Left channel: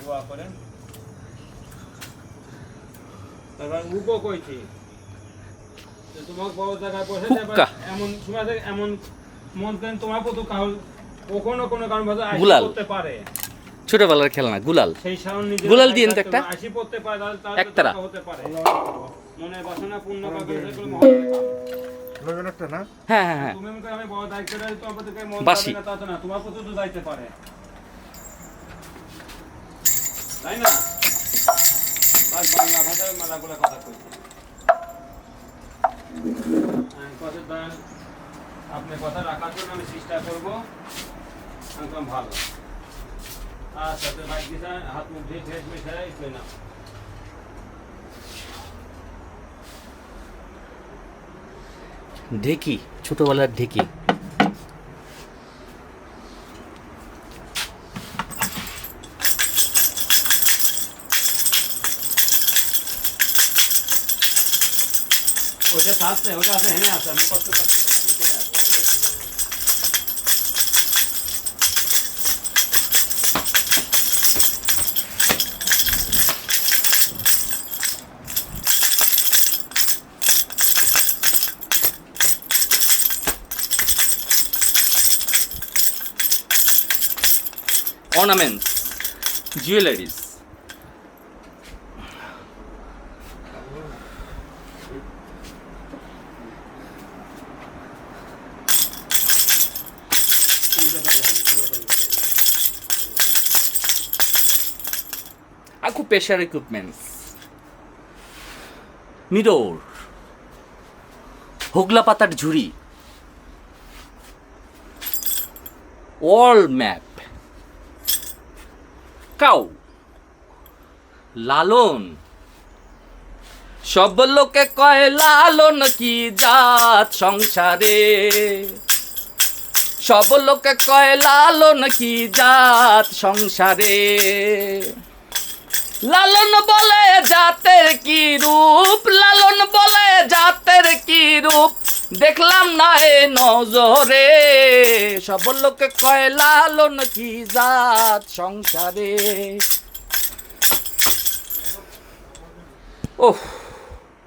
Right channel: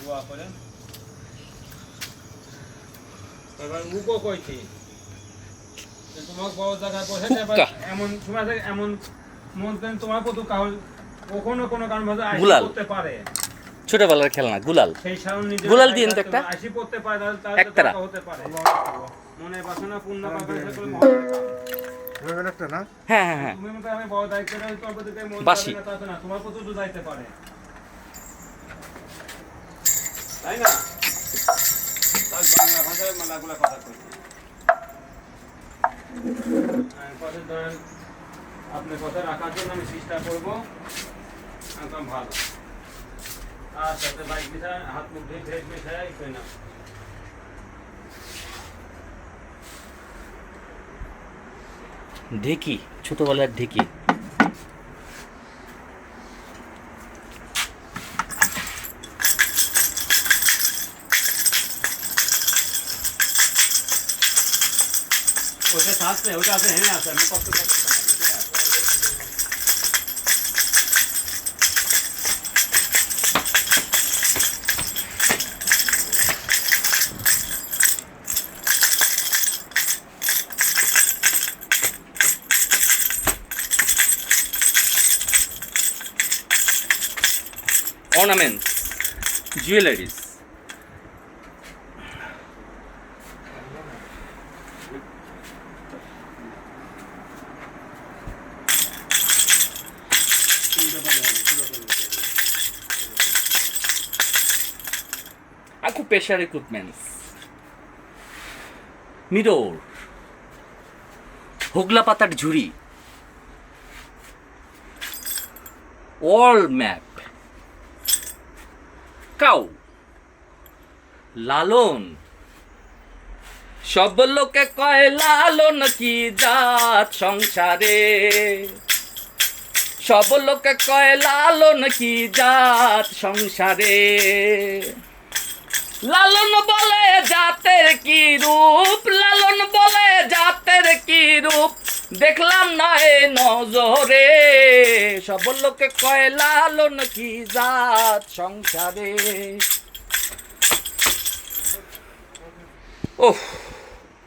দোয়া করেন। উগো কইছি তোমাকে বড় জায়গায় বসে এমন সময় এমন মন দেন তোমার কত কখনো কোনো কারণ ভাষা আইসি করতে পারে। ছোটবেলার খেলনা গুলাল, সেই সাউন্ড নিজে গুলাল দিন তো একটা আইসি করতে পারে, তাহলে একতারা হতে পারে। মনে বাসনা পূর্ণ করবে সেগুলো লেভেল একটা না। হ্যাঁ হ্যাঁ হ্যাঁ তুমি মনে আমি বড় দায়িত্ব নিয়ে তোমার প্রতি মন বাসি। যাবে না, তা তো না, তোমার প্রতি তো যাইতে পারে, তাই না? তাই বাংলা ভাষায় মেলাগুলা কথা কইছে। কথা ধরেন আপনি কথা রাখার জন্য আমি চেষ্টা করবো, একদম ভালো। আর সাথে বাইক দিশা হাত মুখ ধুয়ে ফ্রেশ মিশাই কই না। ঢেকি, ছোটবেলার ঢেকি। ওটা আছে, ওটা আছে, হেনে আছে, আমি কষ্ট করতে পারি। Ornaments, jewelries. Acupressure equipments. Mirror. হোগলা পাতার ঝুড়ি। ওয়াল ম্যাপ। কাউ। লালন। সব লোকে কয় লালন কি জাত সংসারে, সব লোকে কয় লালন কি জাত সংসারে। লালন বলে জাতের কি রূপ, লালন বলে জাতের কি রূপ, দেখলাম না এ নজরে। সব লোকে কয় লালন কি জাত সংসারে। ওহ।